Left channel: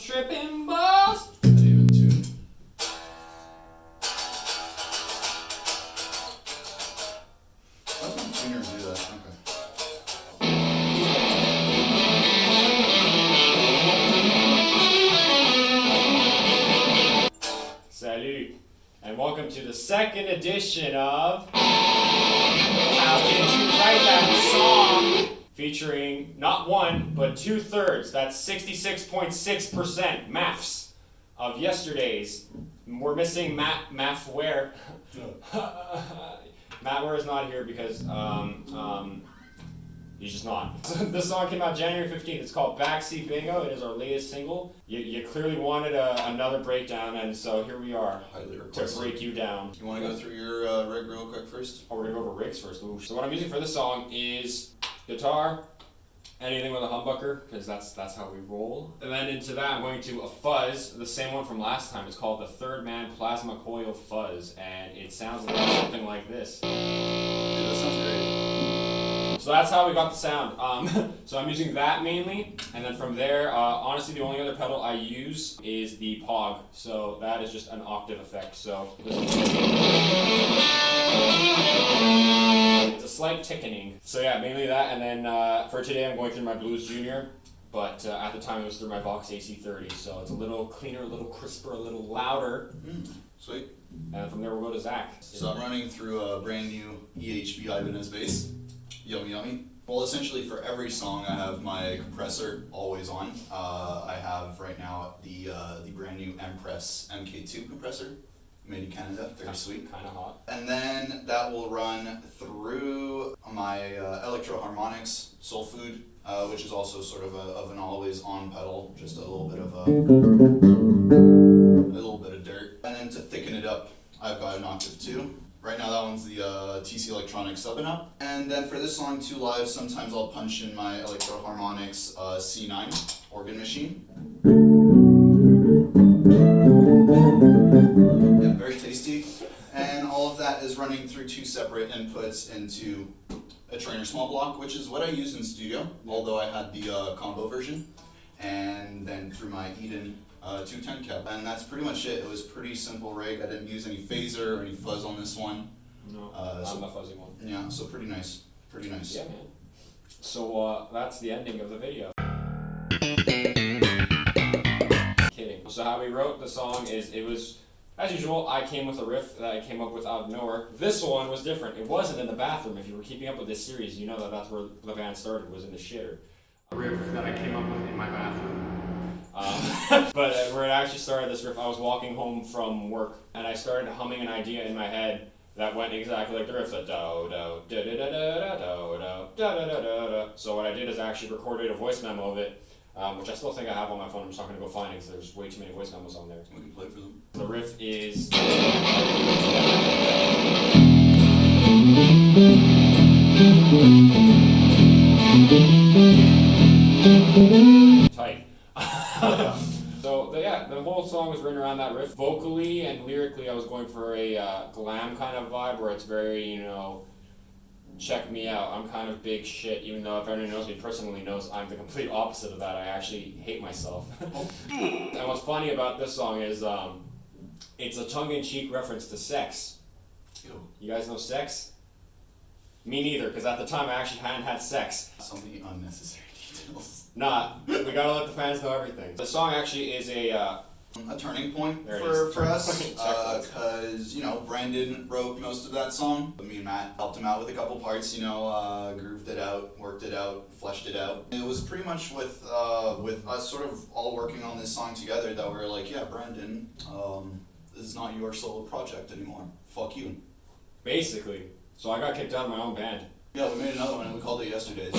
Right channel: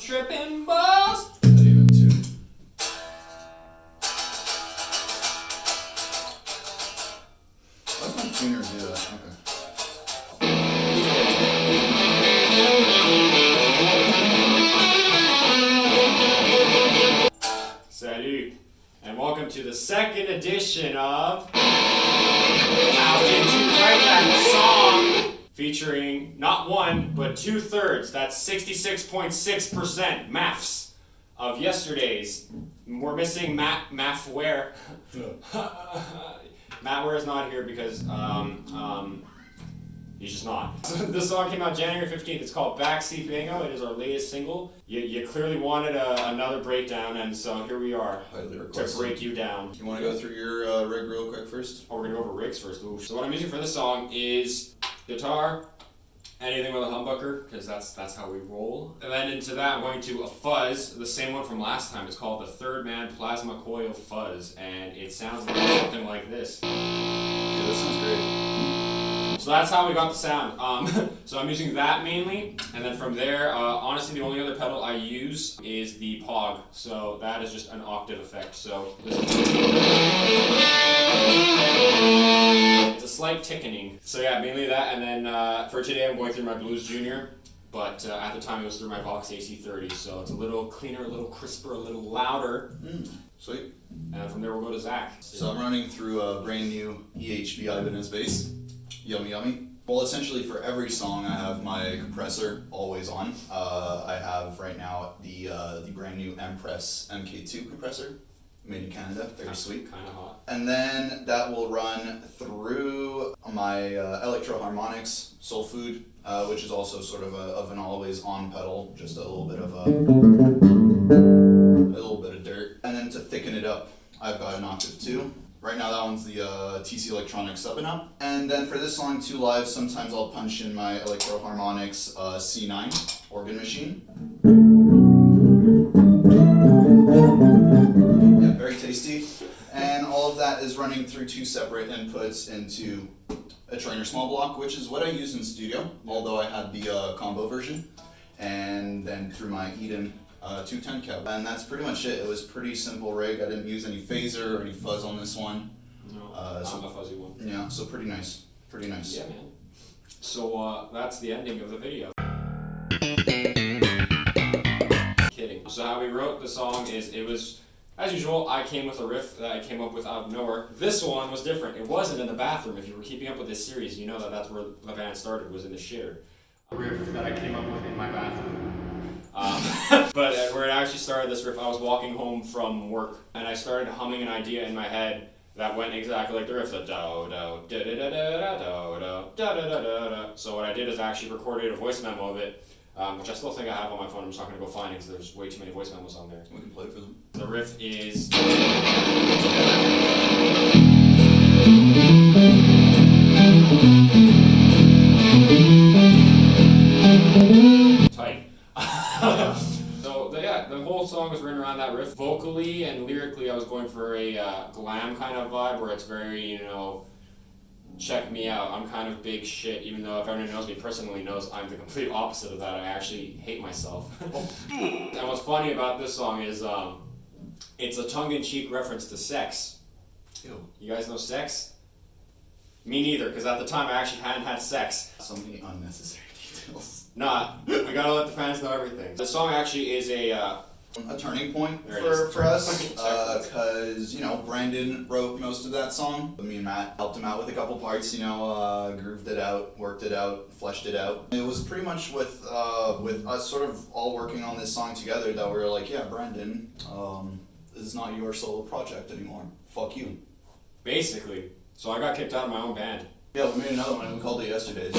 tripping balls. Not even two. Why's my tuner do that? Okay. Salut, and welcome to the second edition of How Did You Write That Song? Featuring not one, but 2/3, that's 66.6% maths of Yester Daze. We're missing Matt Ware. Matt Ware is not here because he's just not. This song came out January 15th. It's called Backseat Bingo. It is our latest single. You clearly wanted another breakdown, and so here we are to break you down. You want to go through your rig real quick first? Oh, we're going to go over rigs first. Ooh. So what I'm using for this song is guitar, anything with a humbucker, because that's how we roll. And then into that, I'm going to a fuzz, the same one from last time. It's called the Third Man Plasma Coil Fuzz, and it sounds like something like this. Yeah, that sounds great. So that's how we got the sound. So I'm using that mainly, and then from there, honestly, the only other pedal I use is the Pog. So that is just an octave effect. So this is it's a slight tickening. So yeah, mainly that, and then for today I'm going through my Blues Junior, but at the time it was through my Vox AC30. So it's a little cleaner, a little crisper, a little louder. Sweet. And from there we'll go to Zach. So I'm running through a brand new EHB Ibanez bass. Yummy, yummy. Well, essentially for every song I have my compressor always on. I have right now the brand new Empress MK2 compressor, made in Canada, very sweet. Kind of hot. And then that will run through my Electro Harmonics Soul Food, which is also sort of an always on pedal, just a little bit of dirt. And then to thicken it up, I've got an Octave 2. Right now that one's the TC Electronics Up and Up. And then for this song, 2 Live, sometimes I'll punch in my Electro Harmonics C9 organ machine. Yeah, very tasty. And all of that is running through 2 separate inputs into a Trainer small block, which is what I use in studio, although I had the combo version. And then through my Eden 210 cab, and that's pretty much it. It was pretty simple rig. I didn't use any phaser or any fuzz on this one. No, I'm a fuzzy one. Yeah, so pretty nice. Pretty nice. Yeah, man. So that's the ending of the video. Kidding. So how we wrote the song is, it was, as usual, I came with a riff that I came up with out of nowhere. This one was different. It wasn't in the bathroom. If you were keeping up with this series, you know that that's where the band started, was in the shitter. A riff that I came up with in my bathroom. But where it actually started, this riff, I was walking home from work and I started humming an idea in my head that went exactly like the riff, the do do da da da da da da da da da da. So what I did is I actually recorded a voice memo of it, which I still think I have on my phone. I'm just not going to go find it because there's way too many voice memos on there. We can play for them. The riff is tight. So the whole song was written around that riff. Vocally and lyrically, I was going for a glam kind of vibe where it's very, check me out. I'm kind of big shit, even though if anyone knows me personally knows I'm the complete opposite of that. I actually hate myself. And what's funny about this song is it's a tongue-in-cheek reference to sex. Ew. You guys know sex? Me neither, because at the time I actually hadn't had sex. So many unnecessary details. Nah, we gotta let the fans know everything. The song actually is a turning point for us, because Brandon wrote most of that song. Me and Matt helped him out with a couple parts, grooved it out, worked it out, fleshed it out. It was pretty much with us sort of all working on this song together that we were like, yeah, Brandon, this is not your solo project anymore. Fuck you. Basically. So I got kicked out of my own band. Yeah, we made another one and we called it Yester Daze.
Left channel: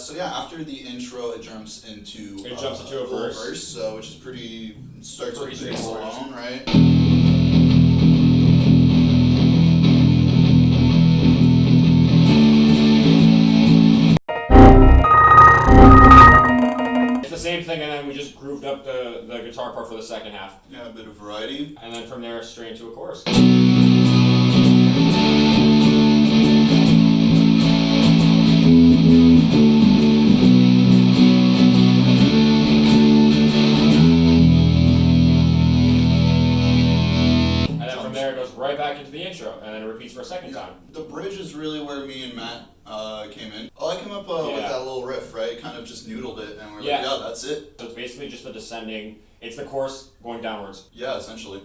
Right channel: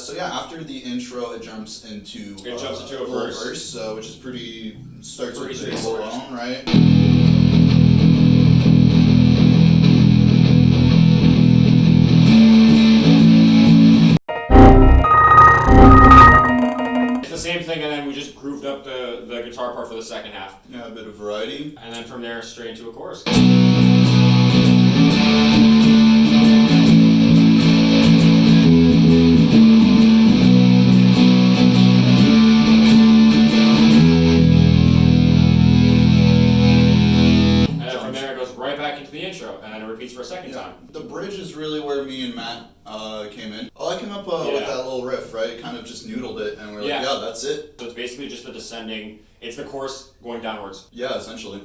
So yeah, after the intro, it jumps into a verse, which is starts pretty alone, right? It's the same thing, and then we just grooved up the guitar part for the second half. Yeah, a bit of variety. And then from there, straight into a chorus. repeats for a second time. The bridge is really where me and Matt came in. I came up with that little riff, right? Kind of just noodled it, and we're like, yeah, that's it. So it's basically just the descending. It's the chorus going downwards. Yeah, essentially.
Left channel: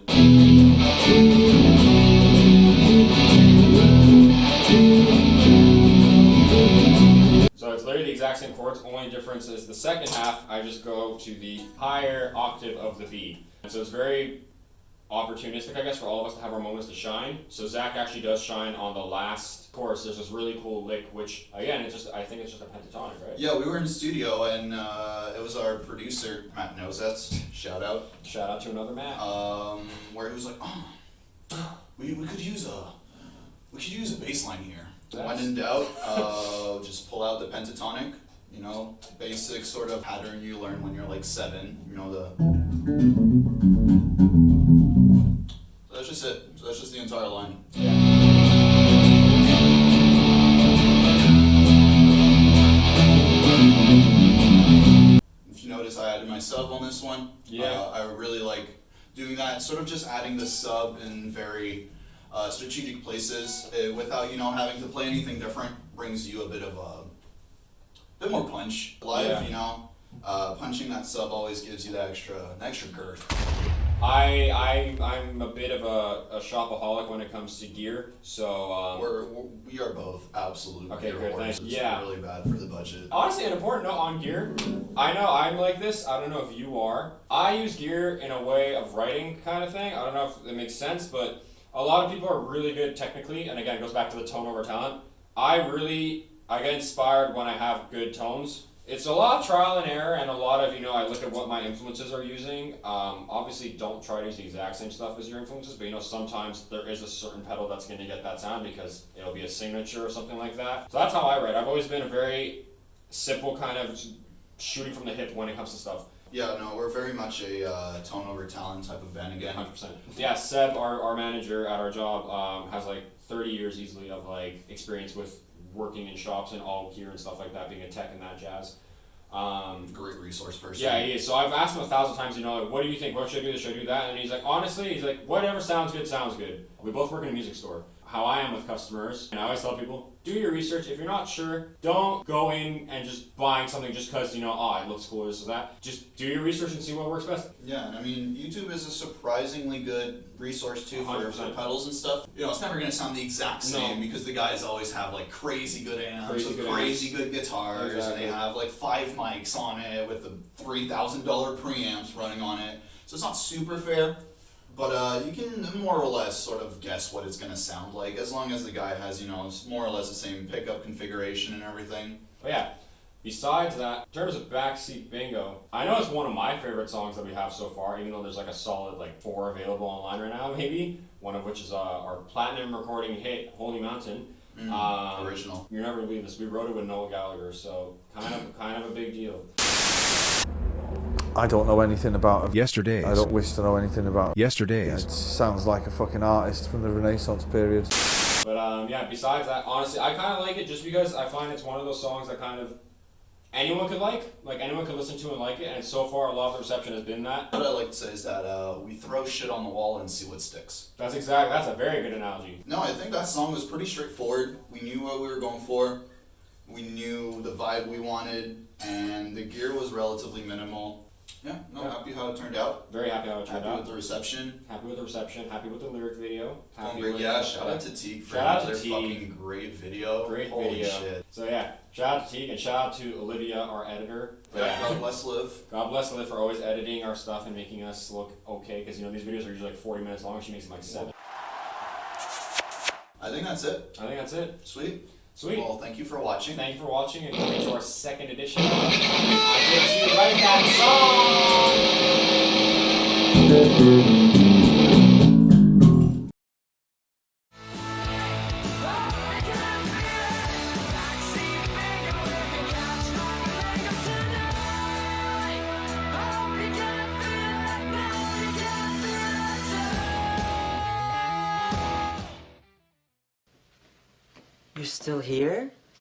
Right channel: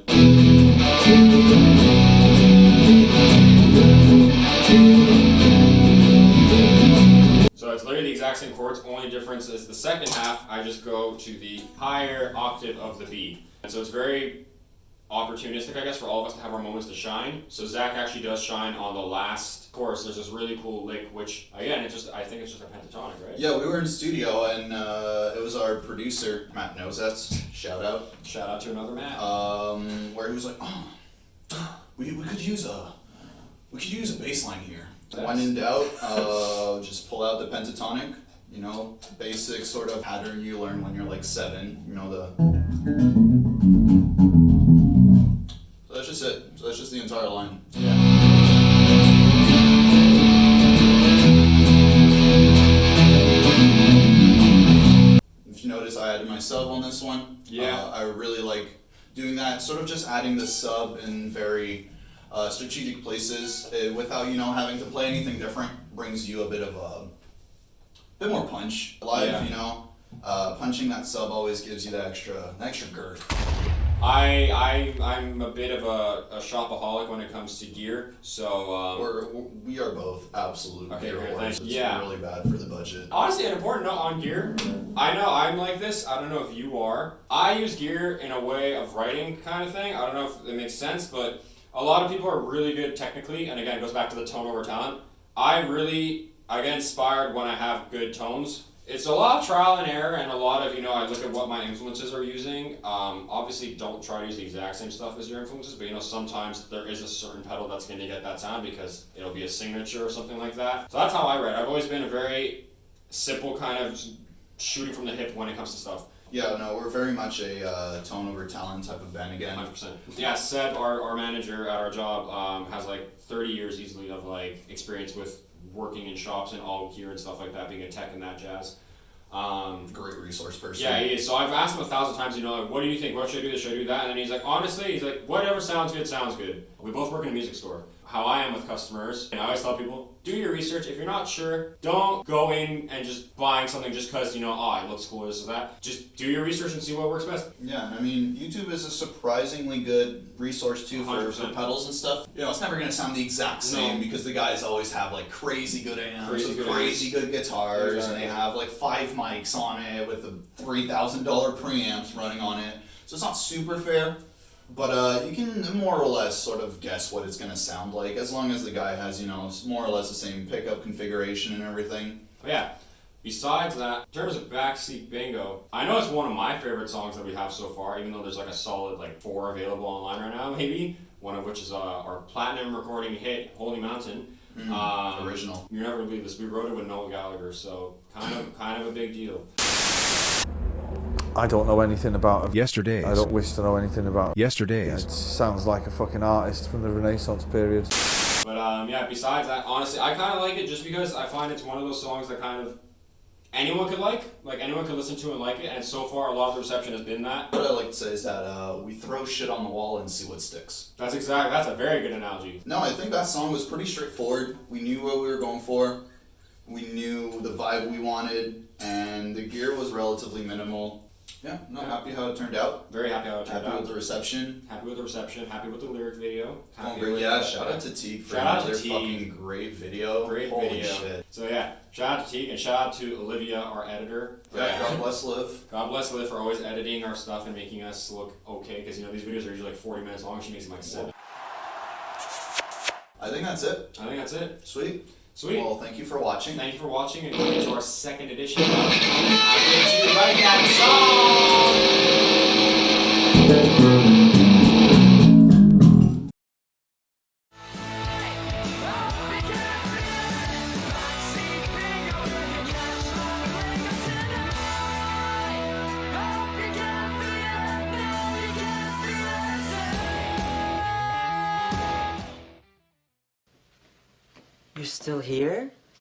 So it's literally the exact same chords, only difference is the second half, I just go to the higher octave of the B. And so it's very opportunistic, I guess, for all of us to have our moments to shine. So Zach actually does shine on the last chorus. There's this really cool lick, which, again, I think it's just a pentatonic, right? Yeah, we were in studio, and it was our producer, Matt Nosets, shout out. Shout out to another Matt. Where he was like, we could use a bass line here. When in doubt, just pull out the pentatonic, you know, basic sort of pattern you learn when you're like 7, you know, So that's just it. So that's just the entire line. Yeah. If you notice, I added my sub on this one. Yeah. I really like doing that, sort of just adding the sub in very strategic places without, you know, having to play anything different. Brings you a bit more punch. Live, you know, punching that sub always gives you that extra girth. I'm a bit of a shopaholic when it comes to gear, so we are both absolute gear thanks. It's really bad for the budget. Honestly, an important note on gear. I know I'm like this. I don't know if you are. I use gear in a way of writing kind of thing. I don't know if it makes sense, but a lot of people are really good technically, and again, it goes back to the tone over talent. I get inspired when I have good tones. It's a lot of trial and error, and a lot of, you know, I look at what my influences are using. Obviously, don't try to use the exact same stuff as your influences, but, you know, sometimes there is a certain pedal that's going to get that sound because it'll be a signature or something like that. So that's how I write. I've always been a very simple kind of shooting from the hip when it comes to stuff. Yeah, no, we're very much a tone over talent type of band again. 100%. Yeah, Seb, our manager at our job, has like 30 years easily of like experience with working in shops and all gear and stuff like that, being a tech and that jazz. Great resource person. Yeah, he is. So I've asked him 1,000 times, you know, like, what do you think? What should I do? Should I do that? And then he's like, honestly, he's like, whatever sounds good, sounds good. We both work in a music store. How I am with customers, and I always tell people, do your research. If you're not sure, don't go in and just buying something just because, you know, it looks cool, this or that. Just do your research and see what works best. Yeah, I mean, YouTube is a surprisingly good resource too for pedals and stuff. You know, it's never going to sound the exact same because the guys always have like crazy good amps with crazy good guitars, and they have like 5 mics on it with the $3,000 preamps running on it. So it's not super fair. But you can more or less sort of guess what it's going to sound like, as long as the guy has, you know, more or less the same pickup configuration and everything. But yeah, besides that, in terms of Backseat Bingo, I know it's one of my favorite songs that we have so far, even though there's like a solid like 4 available online right now, maybe. One of which is our platinum recording hit, Holy Mountain. Original. You'll never believe this. We wrote it with Noel Gallagher, so kind of a big deal. I don't know anything about Yester Daze. I don't wish to know anything about Yester Daze. It sounds like a fucking artist from the Renaissance period. But yeah, besides that, honestly, I kind of like it just because I find it's one of those songs that kind of anyone could like anyone could listen to and like it, and so far a lot of the reception has been that. What I like to say is that we throw shit on the wall and see what sticks. That's a very good analogy. No, I think that song was pretty straightforward. We knew what we were going for. We knew the vibe we wanted, and the gear was relatively minimal. Yeah, happy how it turned out. Very happy how it turned out. Happy with the reception. Happy with the reception. Happy with the lyric video. Shout out to Teague for another fucking great video. Holy video. Shit. So yeah, shout out to Teague and shout out to Olivia, our editor. Yeah, God bless Liv. God bless Liv for always editing our stuff and making us look okay, because, you know, these videos are usually like 40 minutes long. She makes them like 7. I think that's it. Sweet. Well, thank you for watching. Thank you for watching and coming to our second edition of Did You Write That Song? You're still here?